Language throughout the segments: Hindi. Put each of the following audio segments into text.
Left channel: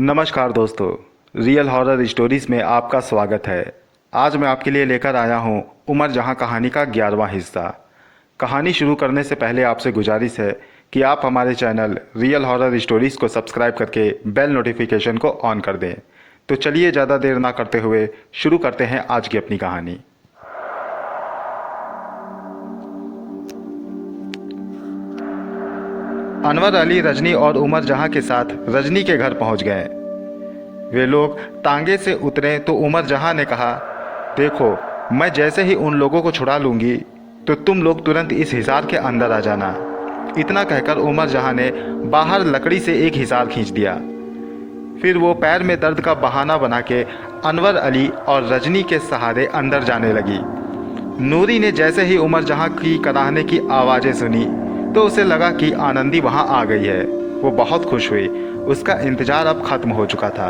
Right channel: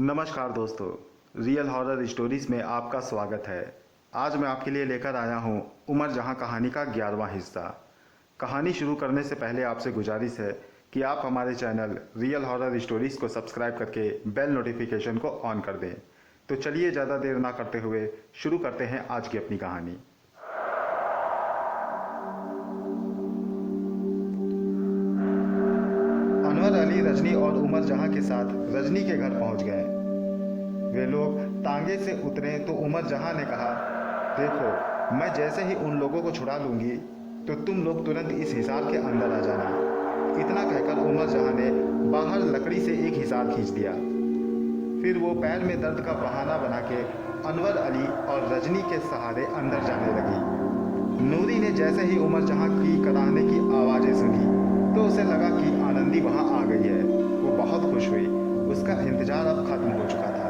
नमस्कार दोस्तों, रियल हॉरर स्टोरीज में आपका स्वागत है। आज मैं आपके लिए लेकर आया हूँ उमर जहाँ कहानी का 11वां हिस्सा। कहानी शुरू करने से पहले आपसे गुजारिश है कि आप हमारे चैनल रियल हॉरर स्टोरीज को सब्सक्राइब करके बेल नोटिफिकेशन को ऑन कर दें। तो चलिए ज़्यादा देर ना करते हुए शुरू करते हैं आज की अपनी कहानी। अनवर अली रजनी और उमर जहाँ के साथ रजनी के घर पहुँच गए। वे लोग तांगे से उतरे तो उमर जहां ने कहा, देखो, मैं जैसे ही उन लोगों को छुड़ा लूंगी तो तुम लोग तुरंत इस हिसार के अंदर आ जाना। इतना कहकर उमर जहां ने बाहर लकड़ी से एक हिसार खींच दिया। फिर वो पैर में दर्द का बहाना बना के अनवर अली और रजनी के सहारे अंदर जाने लगी। नूरी ने जैसे ही उमर जहां की कराहने की आवाज़ें सुनी तो उसे लगा कि आनंदी वहां आ गई है। वो बहुत खुश हुई। उसका इंतजार अब खत्म हो चुका था।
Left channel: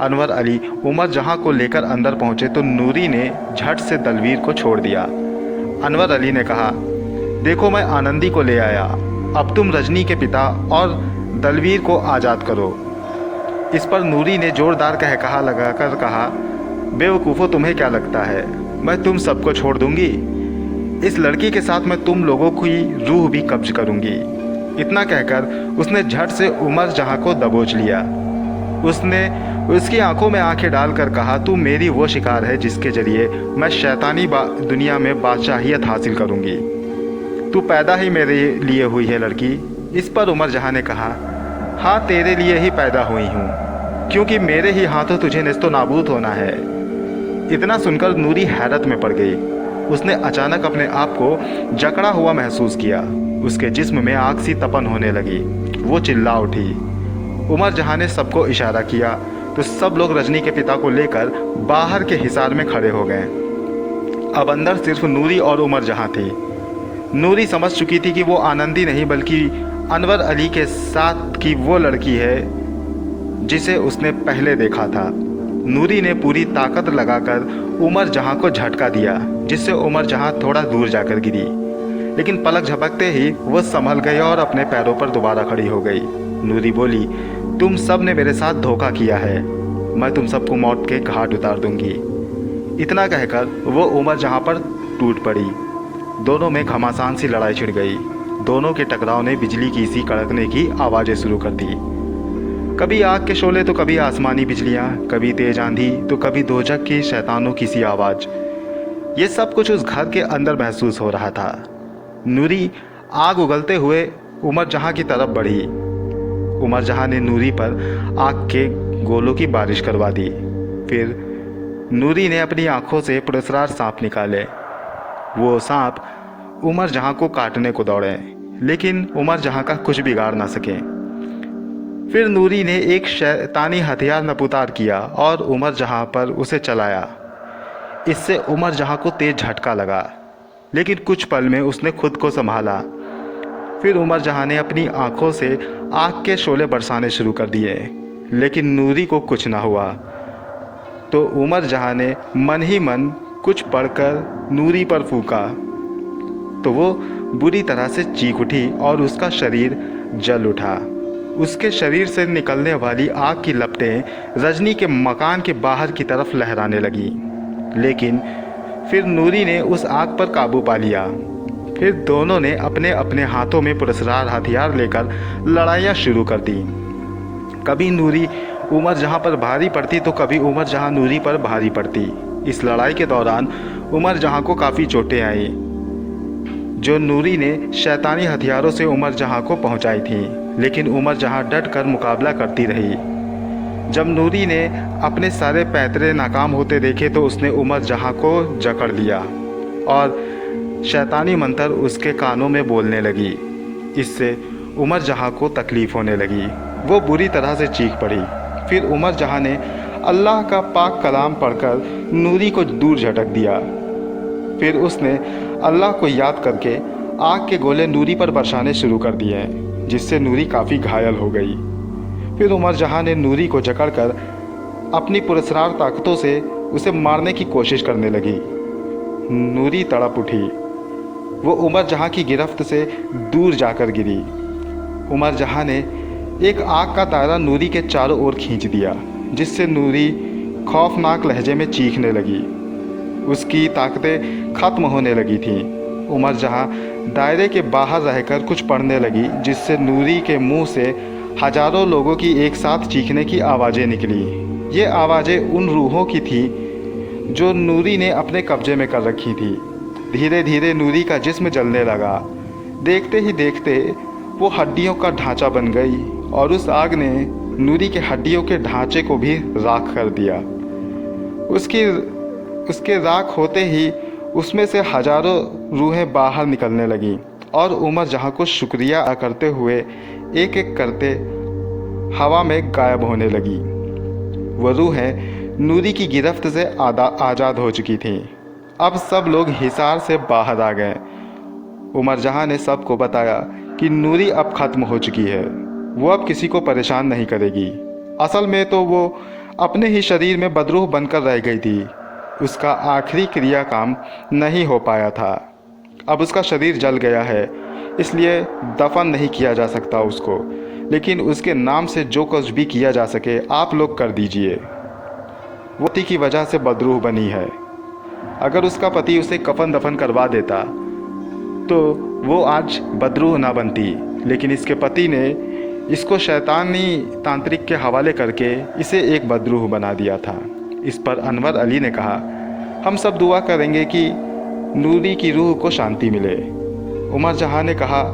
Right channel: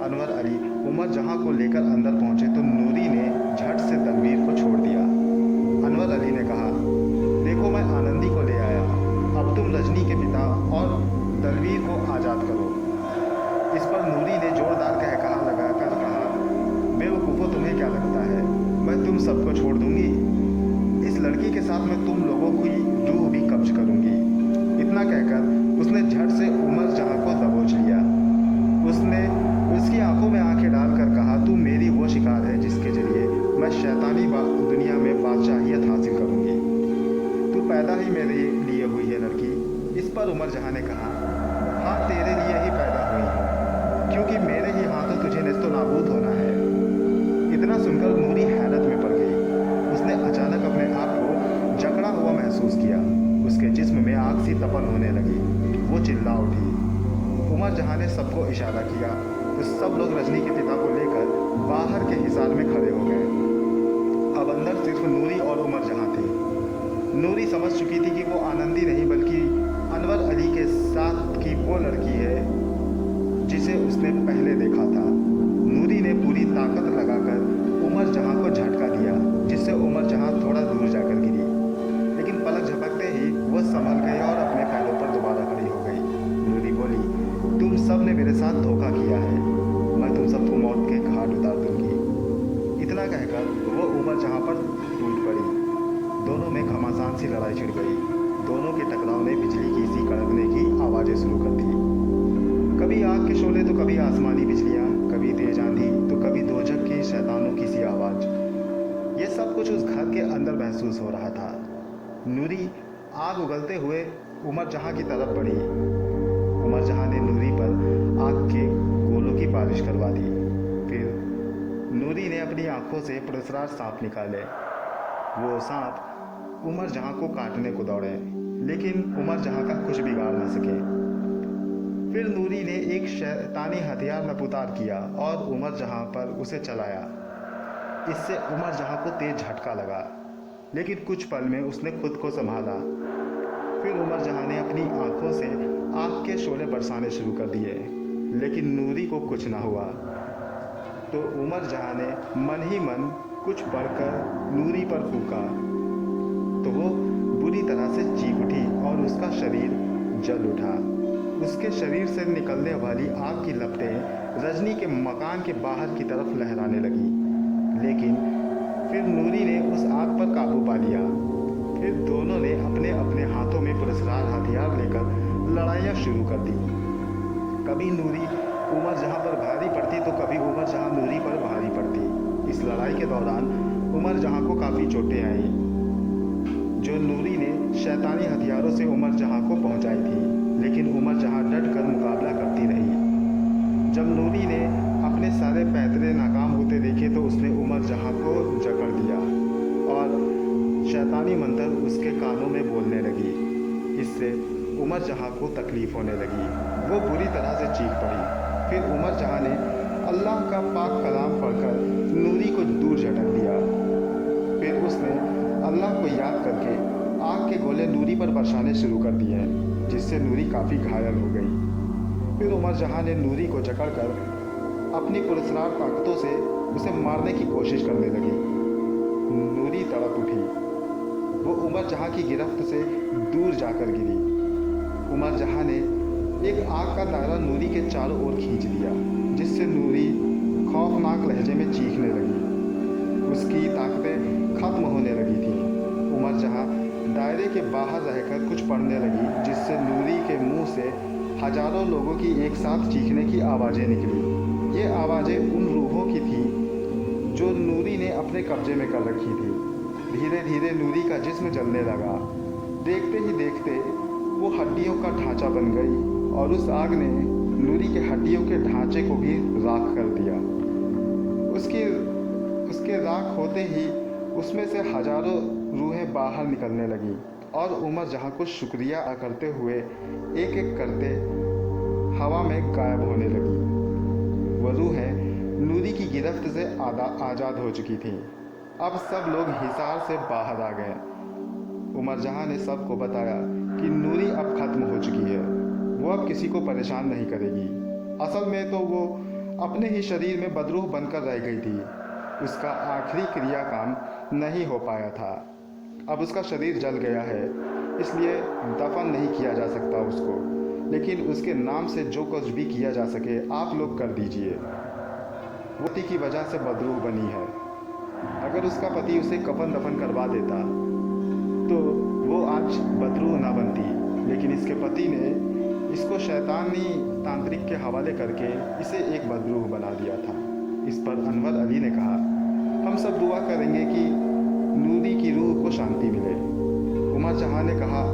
अनवर अली उमर जहां को लेकर अंदर पहुंचे तो नूरी ने झट से दलवीर को छोड़ दिया। अनवर अली ने कहा, देखो, मैं आनंदी को ले आया। अब तुम रजनी के पिता और दलवीर को आज़ाद करो। इस पर नूरी ने जोरदार कहकहा लगाकर कहा, बेवकूफ़ो, तुम्हें क्या लगता है मैं तुम सबको छोड़ दूंगी? इस लड़की के साथ मैं तुम लोगों की रूह भी कब्ज करूंगी। इतना कहकर उसने झट से उमर जहां को दबोच लिया। उसने उसकी आंखों में आंखें डालकर कहा, तू मेरी वो शिकार है जिसके जरिए मैं शैतानी दुनिया में बादशाहियत हासिल करूंगी। तू पैदा ही मेरे लिए हुई है लड़की। इस पर उमर जहां ने कहा, हाँ, तेरे लिए ही पैदा हुई हूँ, क्योंकि मेरे ही हाथों तुझे नेस्तो नाबूद होना है। इतना सुनकर नूरी हैरत में पड़ गई। उसने अचानक अपने आप को जकड़ा हुआ महसूस किया। उसके जिस्म में आग सी तपन होने लगी। वो चिल्ला उठी। उमर जहां ने सबको इशारा किया तो सब लोग रजनी के पिता को लेकर बाहर के हिसार में खड़े हो गए। अब अंदर सिर्फ नूरी और उमर जहां थी। नूरी समझ चुकी थी कि वो आनंदी नहीं बल्कि अनवर अली के साथ की वो लड़की है जिसे उसने पहले देखा था। नूरी ने पूरी ताकत लगाकर उमर जहां को झटका दिया, जिससे उमर जहां थोड़ा दूर जाकर गिरी। लेकिन पलक झपकते ही वो संभल गई और अपने पैरों पर दोबारा खड़ी हो गई। नूरी बोली, तुम सब ने मेरे साथ धोखा किया है। मैं तुम सबको मौत के घाट उतार दूंगी। इतना कहकर वो उमर जहां पर टूट पड़ी। दोनों में घमासान सी लड़ाई छिड़ गई। दोनों के टकराव ने बिजली की सी कड़कने की आवाज़ें शुरू कर दी। कभी आग के शोले तो कभी आसमानी बिजलियां, कभी तेज आंधी तो कभी दोजख की शैतानों की सी आवाज़। ये सब कुछ उस घर के अंदर महसूस हो रहा था। नूरी आग उगलते हुए उमर जहां की तरफ बढ़ी। उमर जहां ने नूरी पर आग के गोलों की बारिश करवा दी। फिर नूरी ने अपनी आंखों से पुरस्कार सांप निकाले। वो सांप उमर जहां को काटने को दौड़े, लेकिन उमर जहां का कुछ बिगाड़ ना सके। फिर नूरी ने एक शैतानी हथियार नपुतार किया और उमर जहां पर उसे चलाया। इससे उमर जहां को तेज झटका लगा, लेकिन कुछ पल में उसने खुद को संभाला। फिर उमर जहां ने अपनी आंखों से आग के शोले बरसाने शुरू कर दिए, लेकिन नूरी को कुछ ना हुआ। तो उमर जहां ने मन ही मन कुछ पढ़कर नूरी पर फूंका तो वो बुरी तरह से चीख उठी और उसका शरीर जल उठा। उसके शरीर से निकलने वाली आग की लपटें रजनी के मकान के बाहर की तरफ लहराने लगी। लेकिन फिर नूरी ने उस आग पर काबू पा लिया। फिर दोनों ने अपने अपने हाथों में पुरस्कार हथियार लेकर लड़ाइयाँ शुरू कर दी। कभी नूरी उमर जहां पर भारी पड़ती तो कभी उमर जहां नूरी पर भारी पड़ती। इस लड़ाई के दौरान उमर जहां को काफ़ी चोटें आई, जो नूरी ने शैतानी हथियारों से उमर जहां को पहुंचाई थी। लेकिन उमर जहां डट कर मुकाबला करती रही। जब नूरी ने अपने सारे पैतरे नाकाम होते देखे तो उसने उमर जहां को जकड़ लिया और शैतानी मंत्र उसके कानों में बोलने लगी। इससे उमर जहां को तकलीफ़ होने लगी। वो बुरी तरह से चीख पड़ी। फिर उमर जहां ने अल्लाह का पाक कलाम पढ़कर नूरी को दूर झटक दिया। फिर उसने अल्लाह को याद करके आग के गोले नूरी पर बरसाने शुरू कर दिए, जिससे नूरी काफ़ी घायल हो गई। फिर उमर जहां ने नूरी को जकड़कर अपनी पुरस्कार ताकतों से उसे मारने की कोशिश करने लगी। नूरी तड़प उठी। वो उमर जहां की गिरफ्त से दूर जाकर गिरी। उमर जहां ने एक आग का दायरा नूरी के चारों ओर खींच दिया, जिससे नूरी खौफनाक लहजे में चीखने लगी। उसकी ताकतें खत्म होने लगी थीं। उमर जहां दायरे के बाहर रहकर कुछ पढ़ने लगी, जिससे नूरी के मुंह से हजारों लोगों की एक साथ चीखने की आवाज़ें निकली। ये आवाज़ें उन रूहों की थी जो नूरी ने अपने कब्जे में कर रखी थी। धीरे धीरे नूरी का जिस्म जलने लगा। देखते ही देखते वो हड्डियों का ढांचा बन गई और उस आग ने नूरी के हड्डियों के ढांचे को भी राख कर दिया। उसके राख होते ही उसमें से हजारों रूहें बाहर निकलने लगीं और उमर जहां को शुक्रिया अदा करते हुए एक एक करते हवा में गायब होने लगी। वो रूहें नूरी की गिरफ्त से आज़ाद हो चुकी थीं। अब सब लोग हिसार से बाहर आ गए। उमर जहां ने सबको बताया कि नूरी अब खत्म हो चुकी है। वो अब किसी को परेशान नहीं करेगी। असल में तो वो अपने ही शरीर में बदरूह बनकर रह गई थी। उसका आखिरी क्रिया काम नहीं हो पाया था। अब उसका शरीर जल गया है, इसलिए दफन नहीं किया जा सकता उसको, लेकिन उसके नाम से जो कुछ भी किया जा सके आप लोग कर दीजिए। वो पति की वजह से बदरूह बनी है। अगर उसका पति उसे कफन दफन करवा देता तो वो आज बदरूह ना बनती, लेकिन इसके पति ने इसको शैतानी तांत्रिक के हवाले करके इसे एक बदरूह बना दिया था। इस पर अनवर अली ने कहा, हम सब दुआ करेंगे कि नूरी की रूह को शांति मिले। उमर जहां ने कहा,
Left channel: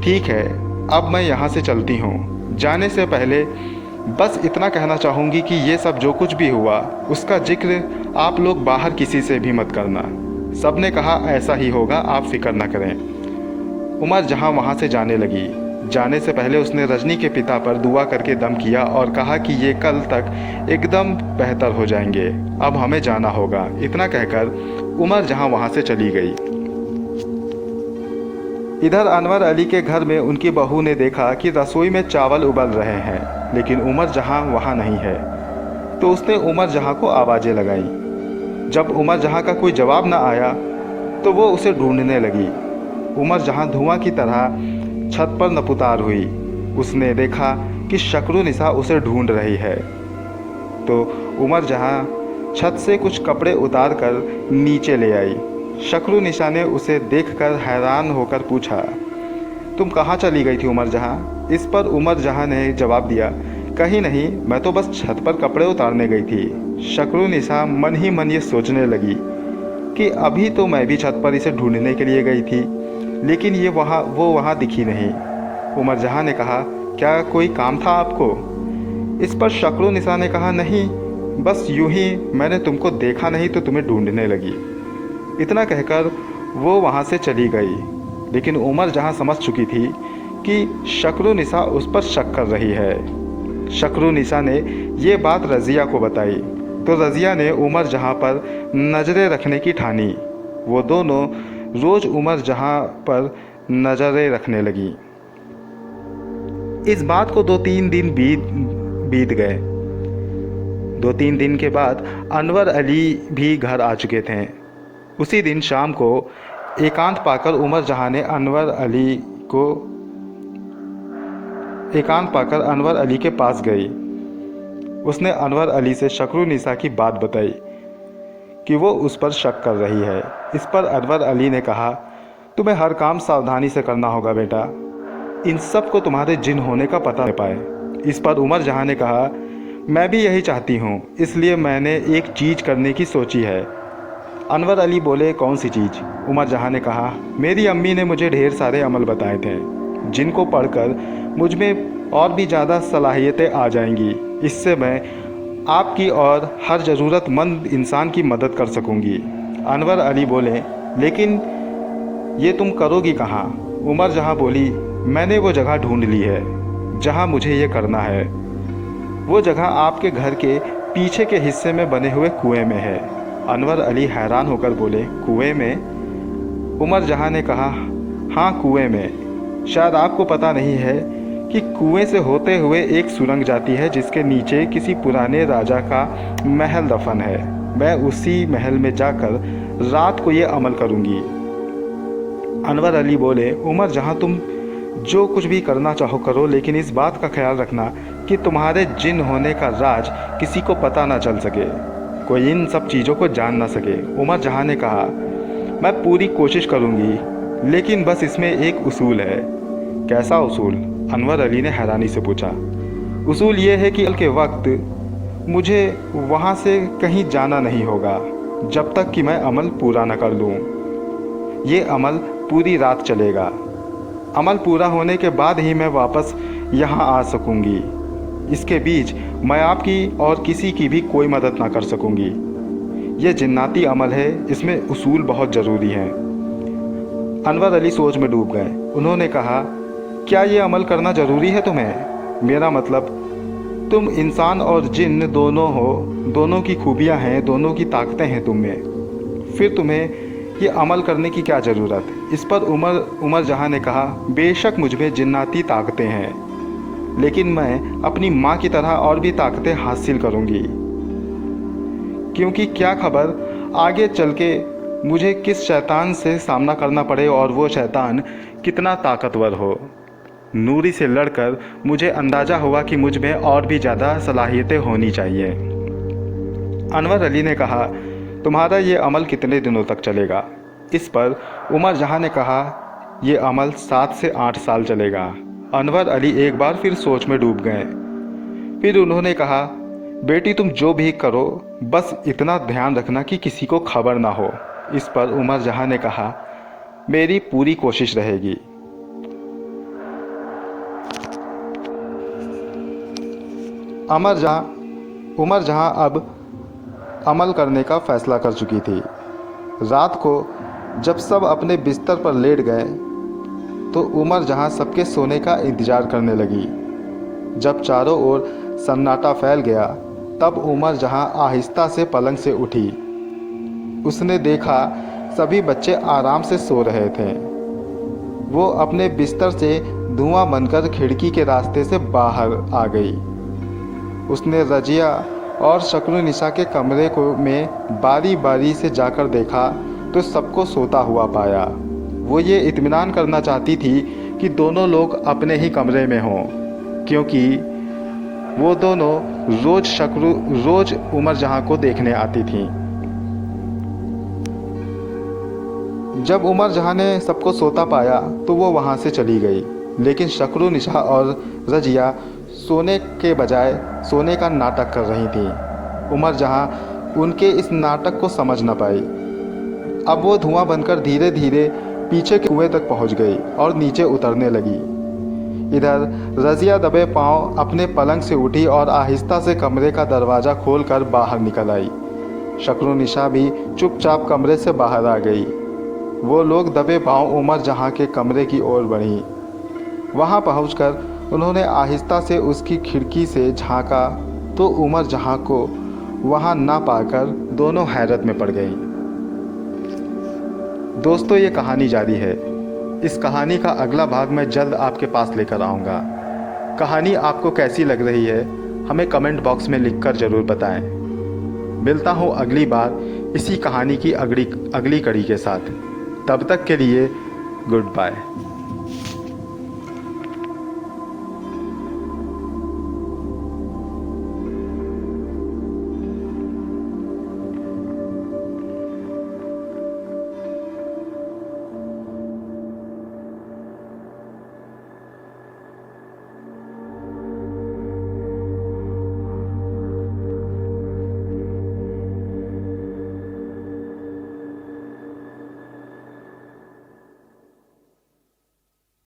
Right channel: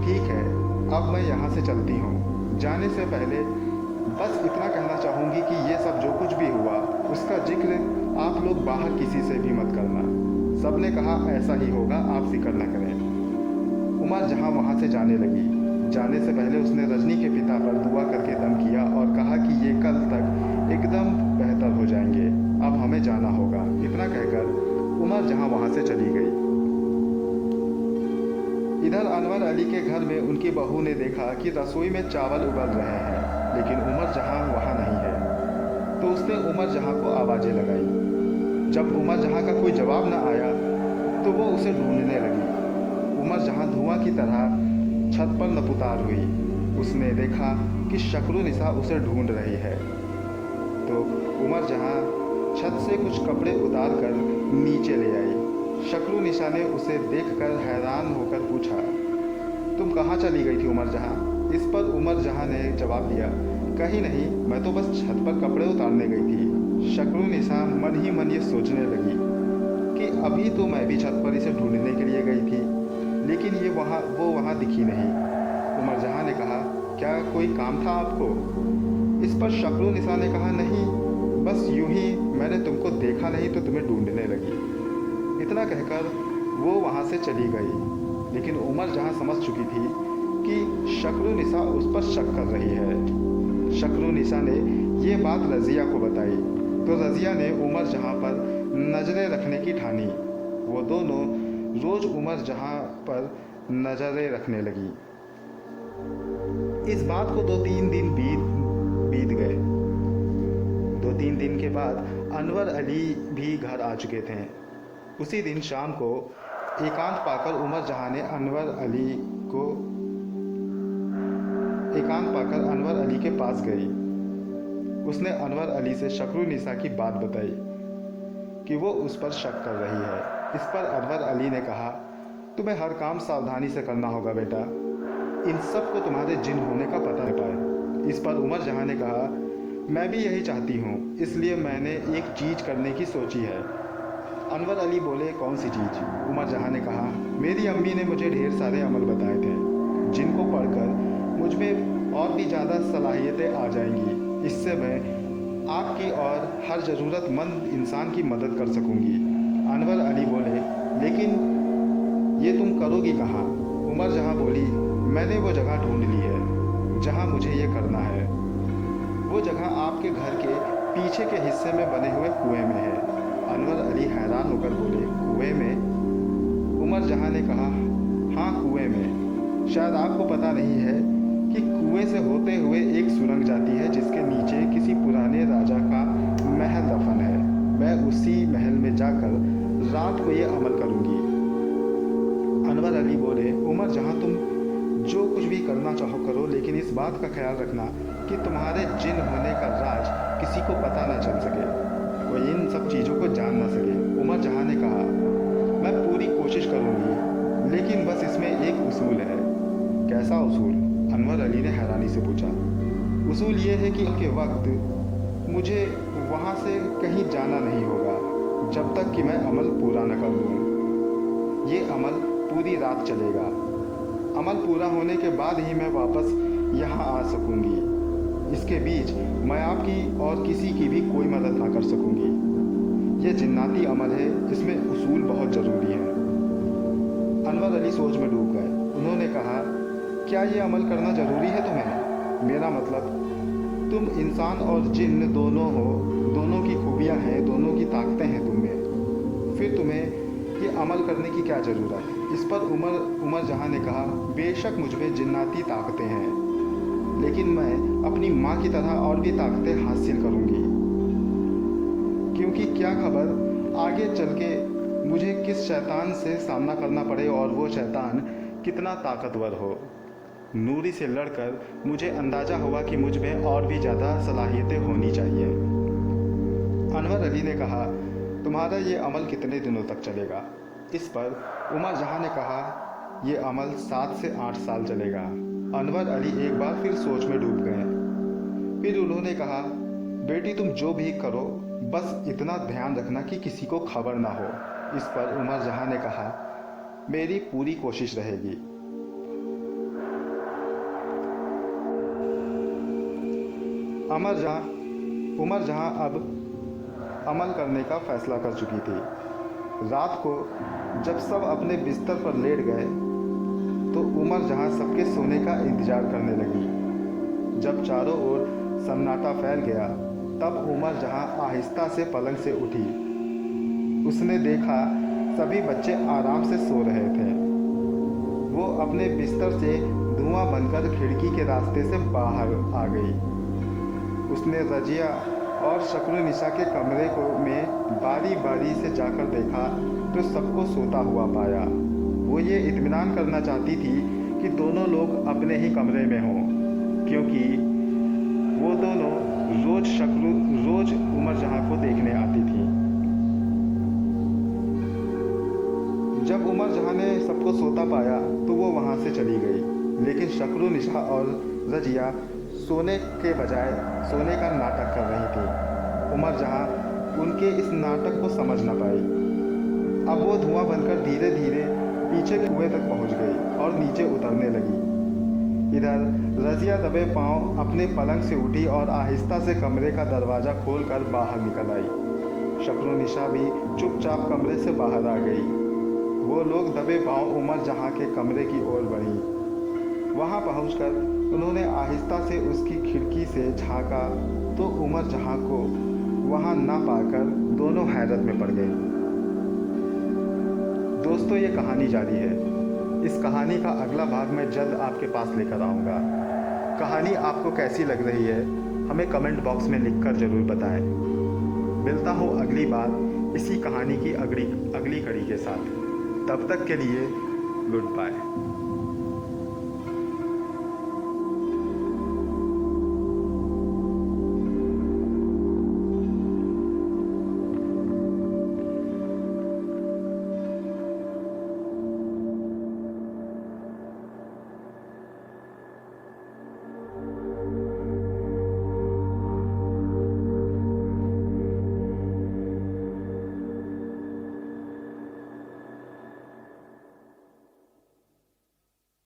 ठीक है, अब मैं यहाँ से चलती हूँ। जाने से पहले बस इतना कहना चाहूँगी कि ये सब जो कुछ भी हुआ उसका जिक्र आप लोग बाहर किसी से भी मत करना। सब ने कहा, ऐसा ही होगा, आप फिक्र न करें। उमर जहां वहाँ से जाने लगी। जाने से पहले उसने रजनी के पिता पर दुआ करके दम किया और कहा कि ये कल तक एकदम बेहतर हो जाएंगे, अब हमें जाना होगा। इतना कहकर उमर जहां वहाँ से चली गई। इधर अनवर अली के घर में उनकी बहू ने देखा कि रसोई में चावल उबल रहे हैं, लेकिन उमर जहां वहाँ नहीं है। तो उसने उमर जहां को आवाज़ें लगाई। जब उमर जहां का कोई जवाब न आया तो वो उसे ढूंढने लगी। उमर जहां धुआं की तरह छत पर नपुतार हुई। उसने देखा कि शक्रुनिसा उसे ढूंढ रही है। तो उमर जहां छत से कुछ कपड़े उतार कर नीचे ले आई। शक्रुनिसा ने उसे देखकर हैरान होकर पूछा, तुम कहाँ चली गई थी उमर जहां? इस पर उमर जहां ने जवाब दिया, कहीं नहीं, मैं तो बस छत पर कपड़े उतारने गई थी। शक्रुनिसा मन ही मन ये सोचने लगी कि अभी तो मैं भी छत पर इसे ढूंढने के लिए गई थी, लेकिन वो वहाँ दिखी नहीं। उमर जहां ने कहा, क्या कोई काम था आपको? इस पर शक्रुनिसा ने कहा, नहीं, बस यूं ही मैंने तुमको देखा नहीं तो तुम्हें ढूंढने लगी। इतना कहकर वो वहाँ से चली गई। लेकिन उमर जहां समझ चुकी थी कि शक्रुनिसा उस पर शक कर रही है। शक्रुनिसा ने ये बात रज़िया को बताई तो रज़िया ने उमर जहां पर नज़रें रखने की ठानी। वो दोनों रोज़ उमर जहां पर नज़रें रखने लगी। इस बात को 2-3 दिन बीत गए। 2-3 दिन के बाद अनवर अली भी घर आ चुके थे। उसी दिन शाम को एकांत पाकर उमर जहां ने अनवर अली के पास गई। उसने अनवर अली से शक्रुनिसा की बात बताई कि वो उस पर शक कर रही है। इस पर अनवर अली ने कहा, तुम्हें हर काम सावधानी से करना होगा बेटा, इन सब को तुम्हारे जिन होने का पता न पाए। इस पर उमर जहां ने कहा, मैं भी यही चाहती हूँ, इसलिए मैंने एक चीज़ करने की सोची है। अनवर अली बोले, कौन सी चीज़? उमर जहां ने कहा, मेरी अम्मी ने मुझे ढेर सारे अमल बताए थे जिनको पढ़कर मुझ में और भी ज़्यादा सलाहियतें आ जाएंगी। इससे मैं आपकी और हर ज़रूरतमंद इंसान की मदद कर सकूंगी। अनवर अली बोले, लेकिन ये तुम करोगी कहाँ? उमर जहां बोली, मैंने वो जगह ढूंढ ली है जहां मुझे ये करना है। वो जगह आपके घर के पीछे के हिस्से में बने हुए कुएं में है। अनवर अली हैरान होकर बोले, कुएं में? उमर जहां ने कहा, हाँ, कुएं में। शायद आपको पता नहीं है कि कुएं से होते हुए एक सुरंग जाती है जिसके नीचे किसी पुराने राजा का महल दफन है। मैं उसी महल में जाकर रात को ये अमल करूंगी। अनवर अली बोले, उमर जहां तुम जो कुछ भी करना चाहो करो, लेकिन इस बात का ख्याल रखना कि तुम्हारे जिन होने का राज किसी को पता ना चल सके, कोई इन सब चीज़ों को जान ना सके। उमर जहाँ ने कहा, मैं पूरी कोशिश करूँगी, लेकिन बस इसमें एक उसूल है। कैसा उसूल? अनवर अली ने हैरानी से पूछा। उसूल ये है कि कल के वक्त मुझे वहाँ से कहीं जाना नहीं होगा जब तक कि मैं अमल पूरा न कर लूँ। ये अमल पूरी रात चलेगा। अमल पूरा होने के बाद ही मैं वापस यहाँ आ सकूँगी। इसके बीच मैं आपकी और किसी की भी कोई मदद ना कर सकूँगी। ये जिन्नाती अमल है, इसमें उसूल बहुत ज़रूरी है। अनवर अली सोच में डूब गए। उन्होंने कहा, क्या ये अमल करना ज़रूरी है तुम्हें? मेरा मतलब, तुम इंसान और जिन्न दोनों हो, दोनों की खूबियाँ हैं, दोनों की ताकतें हैं तुम में, फिर तुम्हें ये अमल करने की क्या ज़रूरत? इस पर उमर जहाँ ने कहा, बेशक मुझ में जिन्नाती ताकतें हैं, लेकिन मैं अपनी माँ की तरह और भी ताकतें हासिल करूँगी, क्योंकि क्या खबर आगे चल के मुझे किस शैतान से सामना करना पड़े और वो शैतान कितना ताकतवर हो। नूरी से लड़कर मुझे अंदाज़ा हुआ कि मुझ में और भी ज़्यादा सलाहियतें होनी चाहिए। अनवर अली ने कहा, तुम्हारा ये अमल कितने दिनों तक चलेगा? इस पर उमर जहाँ ने कहा, ये अमल 7 से 8 साल चलेगा। अनवर अली एक बार फिर सोच में डूब गए। फिर उन्होंने कहा, बेटी तुम जो भी करो, बस इतना ध्यान रखना कि किसी को खबर ना हो। इस पर उमर जहाँ ने कहा, मेरी पूरी कोशिश रहेगी। उमर जहाँ अब अमल करने का फैसला कर चुकी थी। रात को जब सब अपने बिस्तर पर लेट गए तो उमर जहाँ सबके सोने का इंतज़ार करने लगी। जब चारों ओर सन्नाटा फैल गया तब उमर जहाँ आहिस्ता से पलंग से उठी। उसने देखा सभी बच्चे आराम से सो रहे थे। वो अपने बिस्तर से धुआं बनकर खिड़की के रास्ते से बाहर आ गई। उसने रजिया और शक्नुनिसा के कमरे में बारी बारी से जाकर देखा तो सबको सोता हुआ पाया। वो ये इत्मीनान करना चाहती थी कि दोनों लोग अपने ही कमरे में हों, क्योंकि वो दोनों रोज उमर जहाँ को देखने आती थी। जब उमर जहाँ ने सबको सोता पाया तो वो वहाँ से चली गई, लेकिन शक्नुनिसा और रजिया सोने के बजाय सोने का नाटक कर रही थी। उमर जहाँ उनके इस नाटक को समझ न पाई। अब वो धुआं बनकर धीरे धीरे पीछे के कुएं तक पहुँच गई और नीचे उतरने लगी। इधर रजिया दबे पांव अपने पलंग से उठी और आहिस्ता से कमरे का दरवाज़ा खोलकर बाहर निकल आई। शक्नुनिसा भी चुपचाप कमरे से बाहर आ गई। वो लोग दबे पांव उमर जहाँ के कमरे की ओर बढ़ी। वहाँ पहुँचकर उन्होंने आहिस्ता से उसकी खिड़की से झांका तो उमर जहाँ को वहाँ ना पाकर दोनों हैरत में पड़ गईं। दोस्तों, ये कहानी जारी है। इस कहानी का अगला भाग मैं जल्द आपके पास लेकर आऊँगा। कहानी आपको कैसी लग रही है हमें कमेंट बॉक्स में लिखकर ज़रूर बताएं। मिलता हूँ अगली बार इसी कहानी की अगली कड़ी के साथ। तब तक के लिए गुड बाय।